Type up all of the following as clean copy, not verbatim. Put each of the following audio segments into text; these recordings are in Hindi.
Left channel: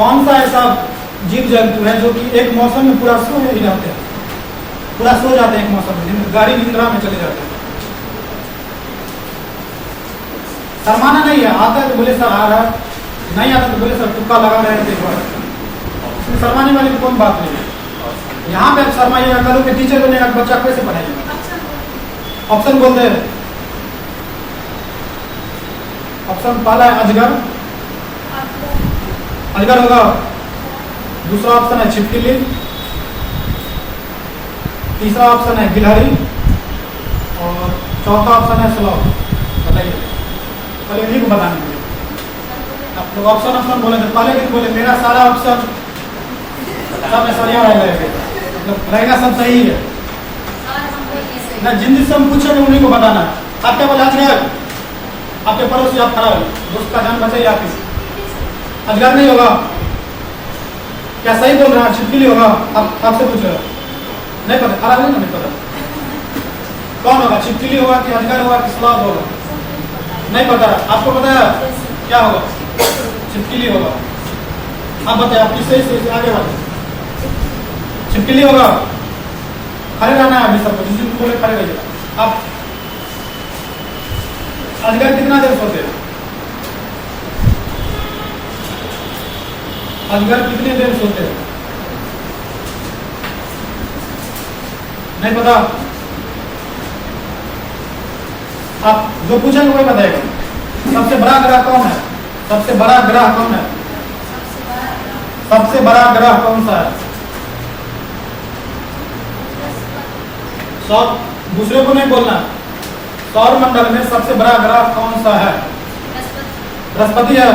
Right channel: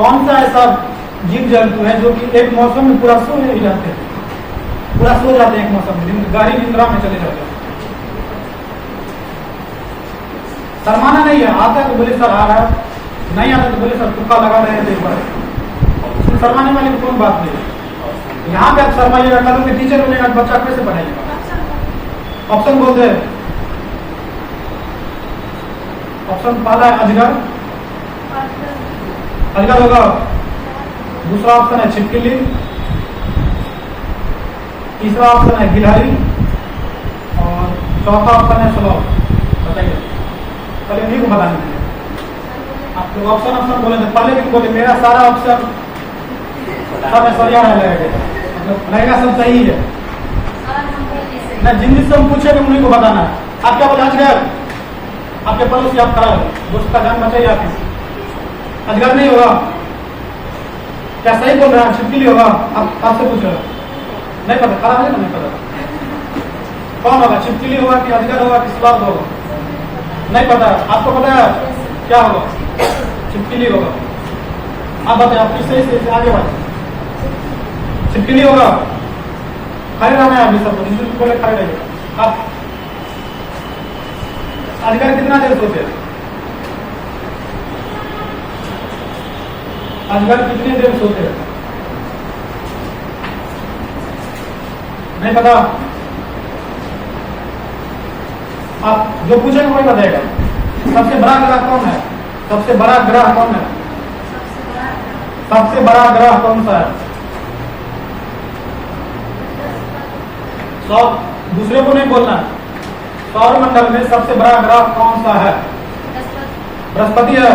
कौन सा ऐसा जीव जंतु है जो कि एक मौसम में पूरा सो ही जाते हैं, पूरा सो जाते हैं एक मौसम में, गाड़ी निंद्रा में चले जाते हैं। शर्माना नहीं है, आता है तो बोले सर आ रहा है, नहीं आता तो बोले सर तुक्का लगा रहे हैं एक बार। शर्माने वाली कोई बात नहीं है। यहाँ पे आप शर्माइएगा, कल के टीचर बनेगा, बच्चा कैसे पढ़ाइएगा? ऑप्शन बोलते हैं। ऑप्शन पहला है अजगर, अजगर होगा। दूसरा ऑप्शन है छिपकली, तीसरा ऑप्शन है गिलहरी और चौथा ऑप्शन है स्लॉथ। बताइए, पहले इन्हीं को बताने दीजिए। आप लोग ऑप्शन ऑप्शन बोले थे, पहले भी बोले मेरा सारा ऑप्शन सब ऐश्वर्या रहेगा, सब सही है ना। जिन जिससे हम पूछे उन्हीं को बताना है। आप क्या बोले? अजगर। आपके पड़ोसी आप खड़ा हो, दोस्त का जान बचाइए। आप अजगर नहीं होगा क्या? सही बोल रहे हैं। छिपकली होगा। आप आपसे पूछ रहे नहीं पता, खड़ा है ना, नहीं पता कौन होगा? छिपकली होगा कि अजगर होगा कि स्लॉथ होगा? नहीं पता है। आपको पता है क्या होगा? छिपकली होगा। आप बताइए, आप किससे से आगे बढ़े? छिपकली होगा। खड़े रहना है अभी सबको, जिस बोले खड़े रहिए। आप अजगर कितना देर सोते हैं? अजगर कितने देर सोते हैं? नहीं पता। आप जो पूछेंगे वही बताएगा। सबसे बड़ा ग्रह कौन है? सबसे बड़ा ग्रह कौन है? सबसे बड़ा ग्रह कौन सा है? दूसरे को नहीं बोलना। सौर मंडल में सबसे बड़ा ग्रह कौन सा है? बृहस्पति है।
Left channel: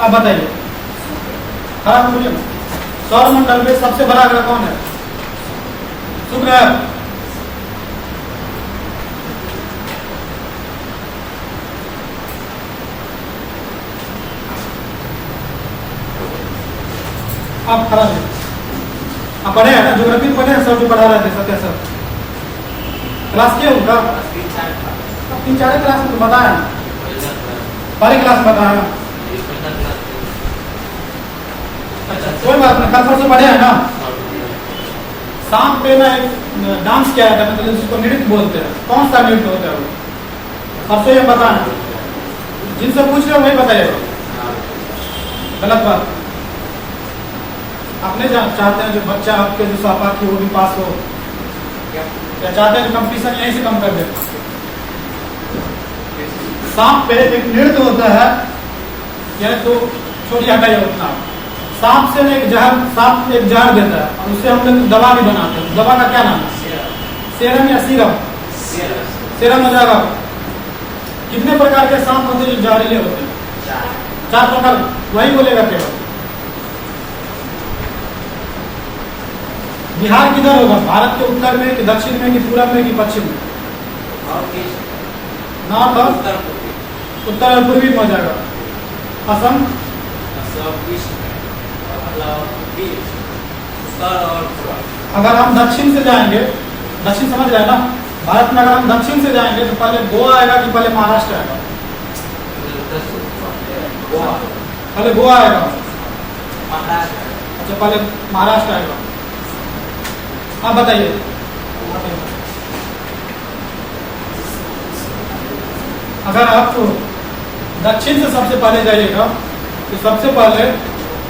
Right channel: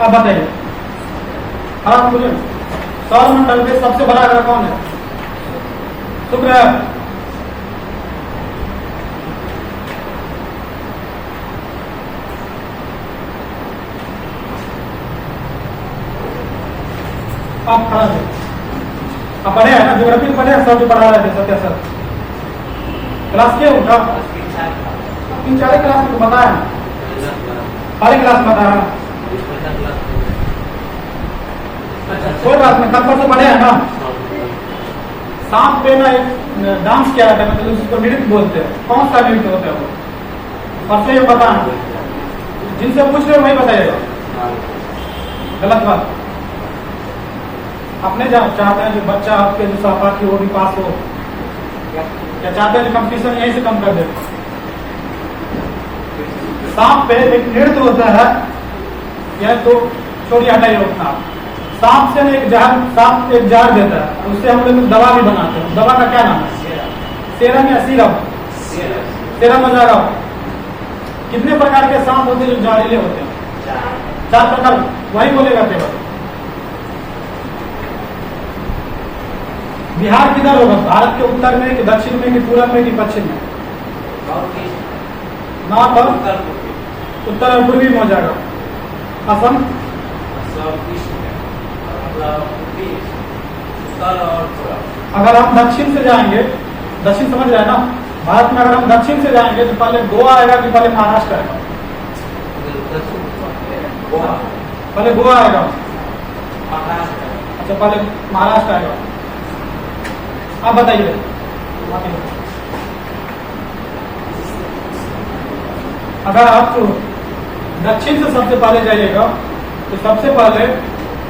अब बताइए, हाँ बोलिए। सौर मंडल में सबसे बड़ा ग्रह कौन है? शुक्र है। आप खड़ा है। आप पढ़े हैं ना, ज्योग्राफी पढ़े हैं, सर जो पढ़ा रहे थे सत्या सर। क्लास किया उनका 3-4 क्लास में बताया ना, पहले क्लास में बताया। कोई बात नहीं, कल परसों पढ़े हैं ना। शाम पे ना एक डांस किया था, मतलब जिसको नृत्य बोलते हैं। कौन सा नृत्य होता है वो? परसों ये बताया। जिनसे पूछ रहे हो वही बताइएगा। गलत बात। अपने चाहते हैं जो बच्चा आपके जो सहपाठी वो भी पास हो, या चाहते हैं कंपटीशन यहीं से कम कर दे? सांप पे एक नृत्य होता है, यह तो छोड़िए, हटाइए उतना। सांप से एक जहर, सांप एक जहर देता है, उससे हम लोग दवा भी बनाते हैं। दवा का क्या नाम है? सेरम या सीरम? सेरम हो जाएगा। कितने प्रकार के सांप होते हैं जो जहरीले होते हैं? 4 प्रकार। वही बोलेगा केवल। बिहार किधर होगा? भारत के उत्तर में कि दक्षिण में कि पूर्व में कि पश्चिम में? नॉर्थ और उत्तर और पूर्वी में हो जाएगा। असम? अगर हम दक्षिण से जाएंगे, दक्षिण समझ रहे हैं ना, भारत में अगर हम दक्षिण से जाएंगे तो पहले गोवा आएगा कि पहले महाराष्ट्र आएगा? पहले गोवा आएगा। अच्छा, पहले महाराष्ट्र आएगा। आप बताइए। अगर आप दक्षिण से सबसे पहले जाइएगा तो सबसे पहले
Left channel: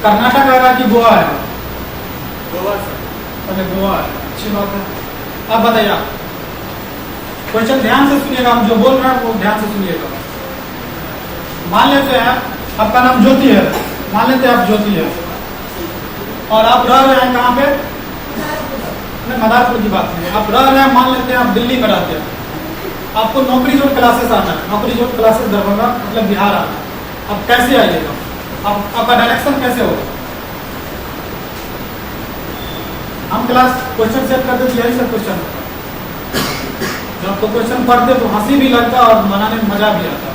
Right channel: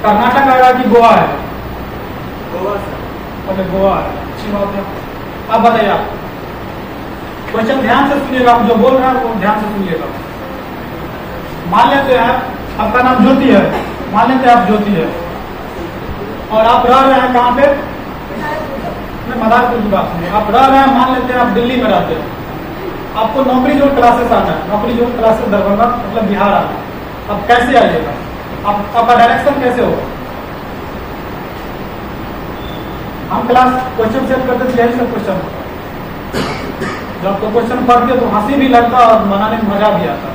कर्नाटक आएगा कि गोवा आएगा? गोवा सर। पहले गोवा आएगा। अच्छी बात है। अब बताइए आप क्वेश्चन ध्यान से सुनिएगा, हम जो बोल रहे हैं वो ध्यान से सुनिएगा। मान लेते हैं आपका नाम ज्योति है, मान लेते हैं आप ज्योति है और आप रह रहे हैं कहाँ पे? मदारपुर की बात नहीं, आप रह रहे हैं, मान लेते हैं आप दिल्ली में रहते हैं। आपको नौकरी जोड़ क्लासेस आना है, नौकरी जोड़ क्लासेस दरभंगा मतलब बिहार आना है। अब कैसे आइएगा? आपका डायरेक्शन कैसे होगा? हम क्लास क्वेश्चन सेट करते थे, यही सब क्वेश्चन होता है। जब आपको क्वेश्चन पढ़ते तो हंसी भी लगता और मनाने में मजा भी आता।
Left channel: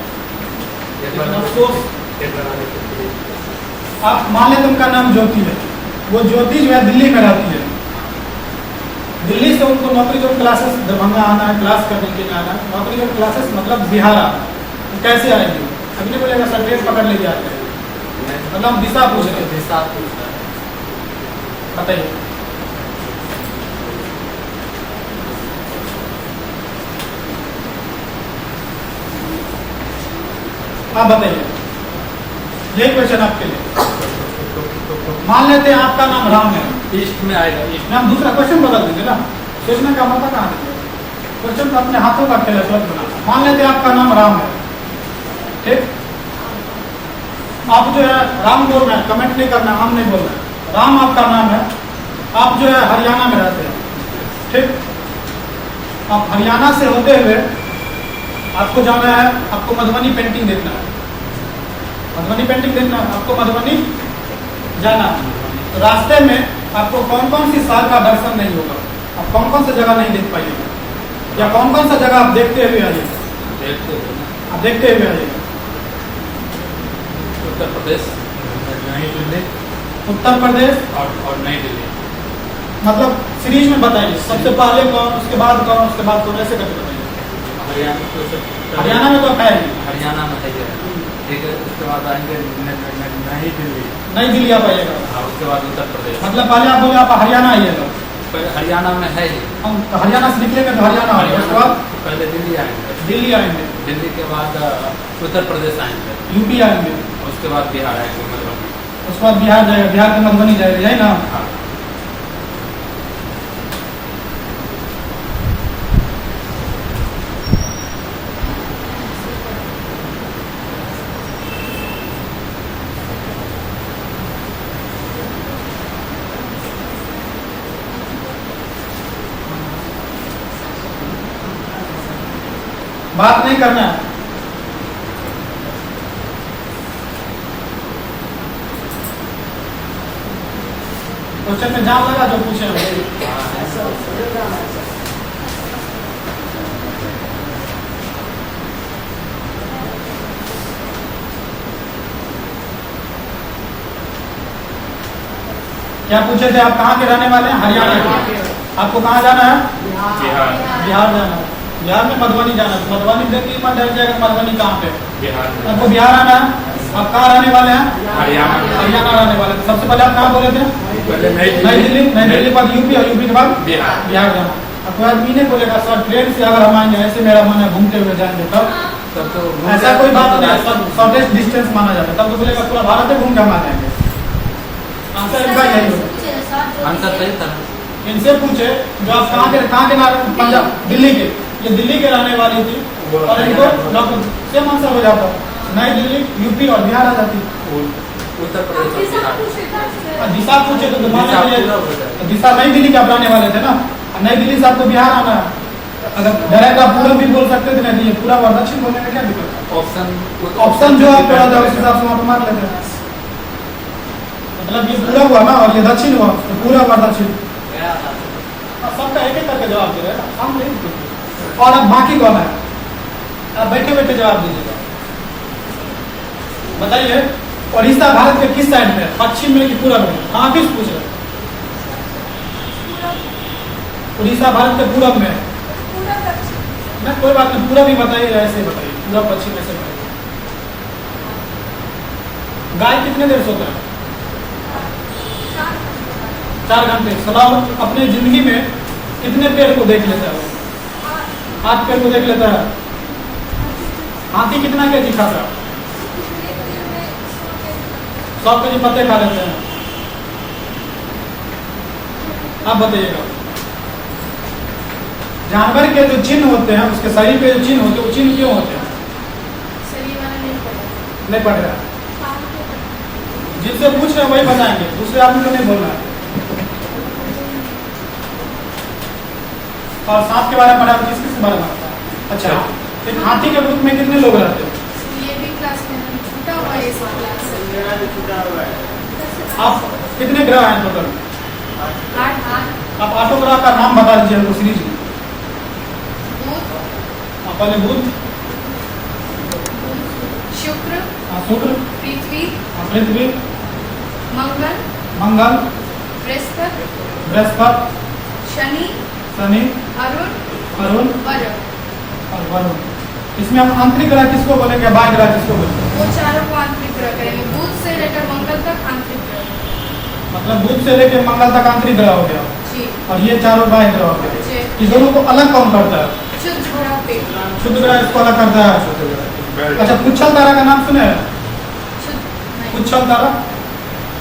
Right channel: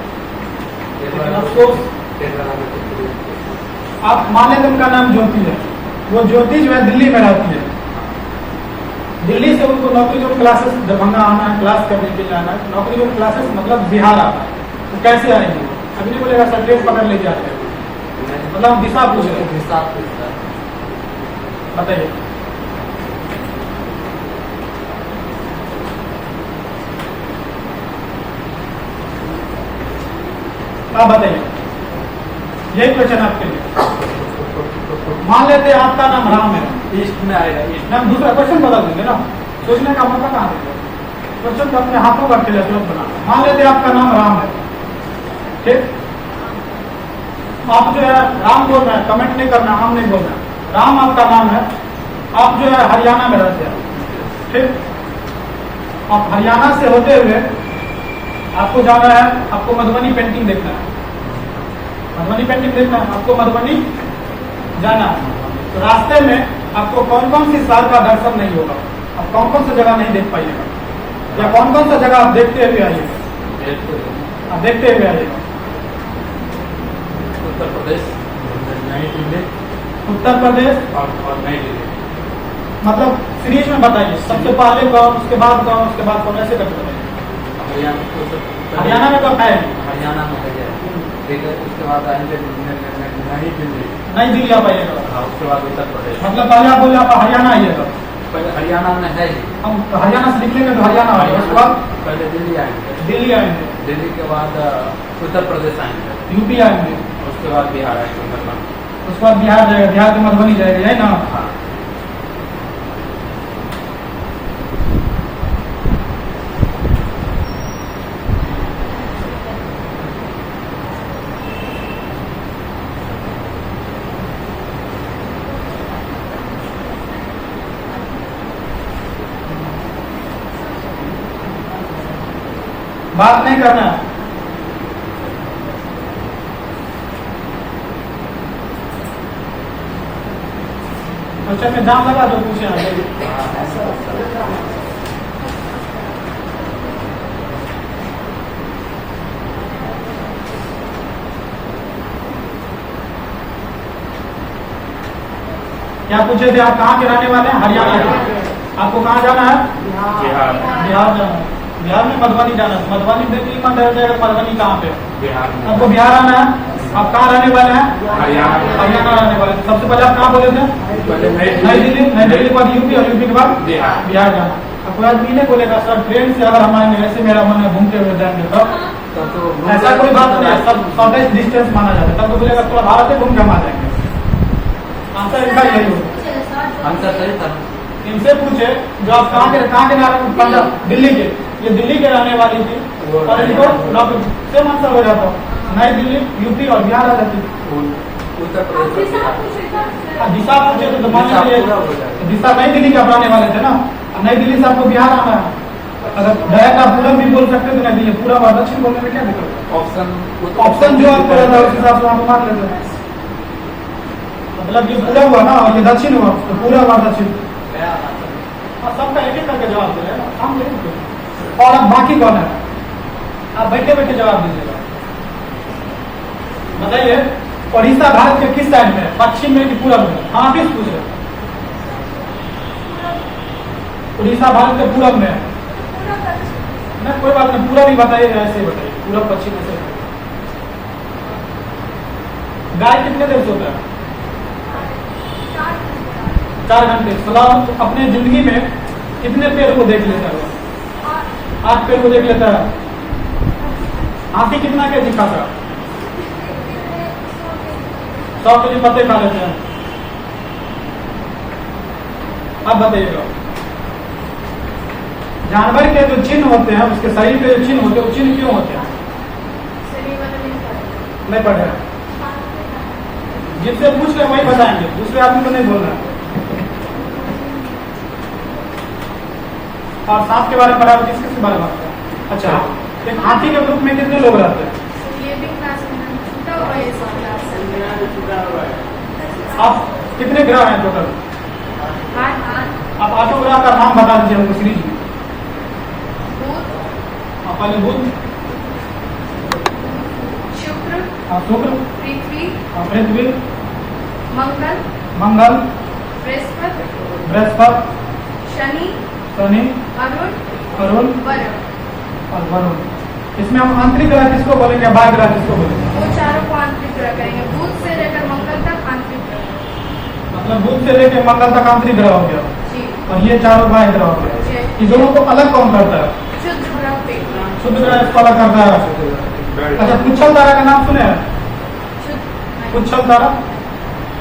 लेकिन अफसोस, आप मान लेते उनका नाम ज्योति है, वो ज्योति जो है दिल्ली में रहती है। दिल्ली से उनको नौकरी जो क्लासेस दरभंगा आना है, क्लास करने के लिए आना है। नौकरी जो क्लासेस मतलब बिहार आना है, तो कैसे आएंगे? अभी नहीं बोलेगा सर ट्रेन पकड़ ले जाते हैं। मतलब हम दिशा पूछ रहे हैं। दिशा पूछ रहा है। बताइए। आप बताइए, यही क्वेश्चन आपके लिए। मान लेते हैं आपका नाम राम है, ईस्ट में आएगा। ईस्ट हम दूसरा क्वेश्चन बदल देंगे ना, सोचने का मौका कहाँ देंगे। क्वेश्चन को अपने हाथों का खेल है। मान लेते हैं आपका नाम राम है, ठीक। आप जो है राम बोल रहे हैं, कमेंट नहीं करना, हम नहीं बोल रहे। राम आपका नाम है, आप जो है हरियाणा में रहते हैं, ठीक। आप हरियाणा से होते हुए आपको जाना है, आपको मधुबनी पेंटिंग देखना है। मधुबनी पेंटिंग देखना है, आपको मधुबनी जाना है। तो रास्ते में आपको कौन कौन सी शहर का दर्शन नहीं होगा, आप कौन कौन सी जगह नहीं देख पाइएगा, या कौन कौन सा जगह आप देखते हुए आइएगा। आप देखते हुए आइएगा। उत्तर प्रदेश, नई दिल्ली, उत्तर प्रदेश और नई दिल्ली। मतलब सीरीज में बताइए, सबसे पहले कौन, उसके बाद कौन, उसके बाद कौन, ऐसे करके बताइए। हरियाणा में तो है, हरियाणा में है, ठीक है। उसके बाद आएंगे नई दिल्ली। नई दिल्ली आप आइएगा। उसके बाद उत्तर प्रदेश। मतलब पहले आप बोले आप हरियाणा आइएगा। पहले हरियाणा में है ही। हम तो हरियाणा से निकलेंगे तो हरियाणा आएगा, उसके बाद पहले दिल्ली आएंगे। दिल्ली आएंगे, दिल्ली के बाद उत्तर प्रदेश आएंगे। यूपी आएंगे, उसके बाद बिहार आएंगे, मधुबनी। उसके बाद बिहार जाएगा, बिहार के मधुबनी जाएगा, यही ना। हाँ। बात नहीं करना है। क्वेश्चन में जाम लगा जो पूछे हम। क्या पूछे थे आप, कहाँ के रहने वाले हैं? हरियाणा के। आपको कहाँ जाना है? बिहार। बिहार जाना है। बिहार में मधुबनी जाना है। मधुबनी देखिए कौन रह जाएगा, मधुबनी कहाँ पे? बिहार में। आपको बिहार आना है। आप कहाँ रहने वाले हैं? हरियाणा। हरियाणा रहने वाले हैं। सबसे पहले आप कहाँ बोले थे? पहले नई दिल्ली, नई दिल्ली के बाद यूपी, और यूपी के बाद बिहार। बिहार जाना। आपको आदमी नहीं बोलेगा सर ट्रेन से अगर हम आएंगे, ऐसे मेरा मन है घूमते हुए जाएंगे, तब तो ऐसा कोई बात नहीं है, सब शॉर्टेस्ट डिस्टेंस माना जाता है। तब तो बोलेगा पूरा भारत में घूम के हम आ जाएंगे। आंसर इनका यही होगा। आंसर सही था। इनसे पूछे जो आप कहाँ के पंजाब, दिल्ली के, ये दिल्ली के रहने वाली थी, और इनको सेम आंसर हो जाता, नई दिल्ली, यूपी और बिहार आ जाती। उत्तर प्रदेश और बिहार। दिशा पूछे तो मान लीजिए दिशा नई दिल्ली के रहने वाले थे ना, नई दिल्ली से आपको बिहार आना है। अगर डायरेक्ट आप पूरब भी बोल सकते थे, नई दिल्ली पूरब और दक्षिण बोलने में क्या दिक्कत? ऑप्शन जो आपको रहता है उस हिसाब से वहाँ पर मार लेते हैं। मतलब ये पूरब हुआ ना, और ये दक्षिण हुआ, तो पूरब और दक्षिण सबका एक एक करके जवाब दे रहे हैं। और अब बाकी कौन है? आप बैठे बैठे जवाब दीजिएगा। बताइए, उड़ीसा भारत के किस साइड में है? पश्चिम में कि पूरब में? हाँ किस पूछ रहे? उड़ीसा भारत के पूरब में है। नहीं कोई बात नहीं, पूरब ही बताइए, ऐसे ही बताइए, पूरब पश्चिम ऐसे बताइए। गाय कितने देर सोता है? 4 घंटे। सलाह अपने जिंदगी में कितने पेड़ को देख लेता है? 8 पेड़ को देख लेता है। हाथी कितना केजी खाता है? 100 केजी पत्ते खा लेते हैं। आप बताइएगा, जानवर के जो चिन्ह होते हैं, उसके शरीर पे जो चिन्ह होते हैं, वो चिन्ह क्यों होते हैं? नहीं पढ़ रहे। जिनसे पूछ रहे हैं वही बताएंगे, दूसरे आदमी को नहीं बोलना है। और सांप के बारे में पढ़ा, किसके बारे में? अच्छा, एक हाथी के ग्रुप में कितने लोग रहते हैं? आप कितने ग्रह हैं टोटल? आप 8 ग्रह का नाम बता दीजिए हमको सीरीज में। आप पहले बुध, शुक्र, शुक्र, पृथ्वी, मंगल, बृहस्पति, शनि, अरुण और वरुण। इसमें हम आंतरिक ग्रह किसको बोलेंगे, बाह्य ग्रह किसको बोलेंगे? वो चारों को आंतरिक ग्रह करेंगे। बुध से मतलब दूध से लेके मंगल तक आंतरिक ग्रह हो गया जी। और ये चारों बाह्य ग्रह हो गया। जी। इस दोनों को अलग कौन करता है? शुद्ध ग्रह पे। शुद्ध ग्रह इसको अलग करता है। अच्छा, पुच्छल तारा का नाम सुने हैं? शुद्ध नहीं। पुच्छल तारा,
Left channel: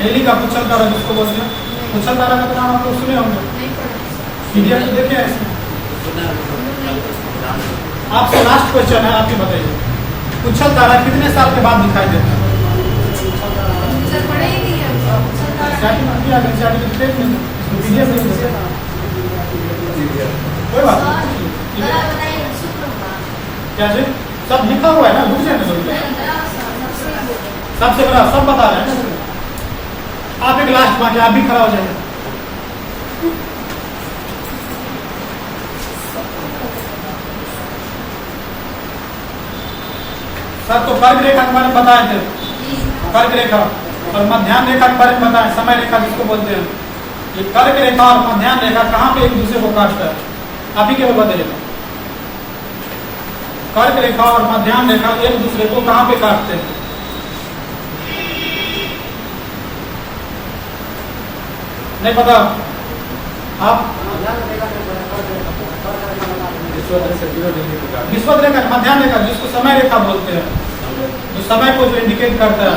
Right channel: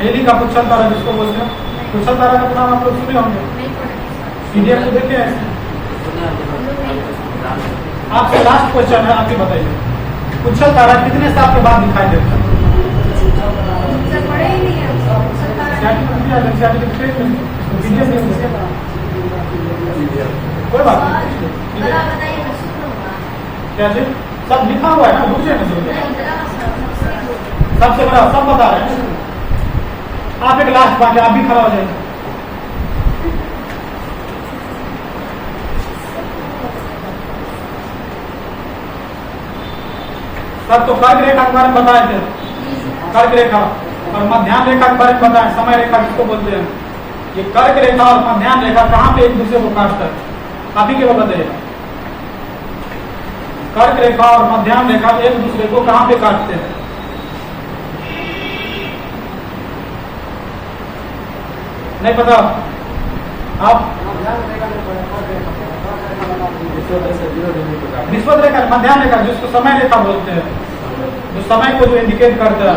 हेली का पुच्छल तारा जिसको बोलते हैं, पुच्छल तारा का तो नाम आप लोग सुने होंगे। नहीं पढ़ा। पीडीएफ को देखे हैं इसमें? आपसे लास्ट क्वेश्चन है, आप ही बताइए, पुच्छल तारा कितने साल के बाद दिखाई देता है? सर पढ़े ही नहीं है। सर एनसीईआरटी में दिया, एनसीईआरटी के पेज में इसको पीडीएफ में दिया। कोई बात नहीं, क्या जी सब लिखा हुआ है ना, बुक से ना समझे। सबसे बड़ा सब बता रहे हैं। आप एक लास्ट बात है, आप भी खड़ा हो जाइए। सर तो कर्क रेखा के बारे में बताए थे, कर्क रेखा और मध्याह्न रेखा के बारे में बताएं, समय रेखा जिसको बोलते हैं। ये कर्क रेखा और मध्याह्न रेखा कहाँ पे एक दूसरे को काटता है, आप ही केवल बताइएगा। कर्क रेखा और मध्याह्न रेखा एक दूसरे को कहाँ पे काटते हैं? नहीं पता आप? विश्वत रेखा, मध्याह्न रेखा जिसको समय रेखा बोलते हैं, जो समय को जो इंडिकेट करता है।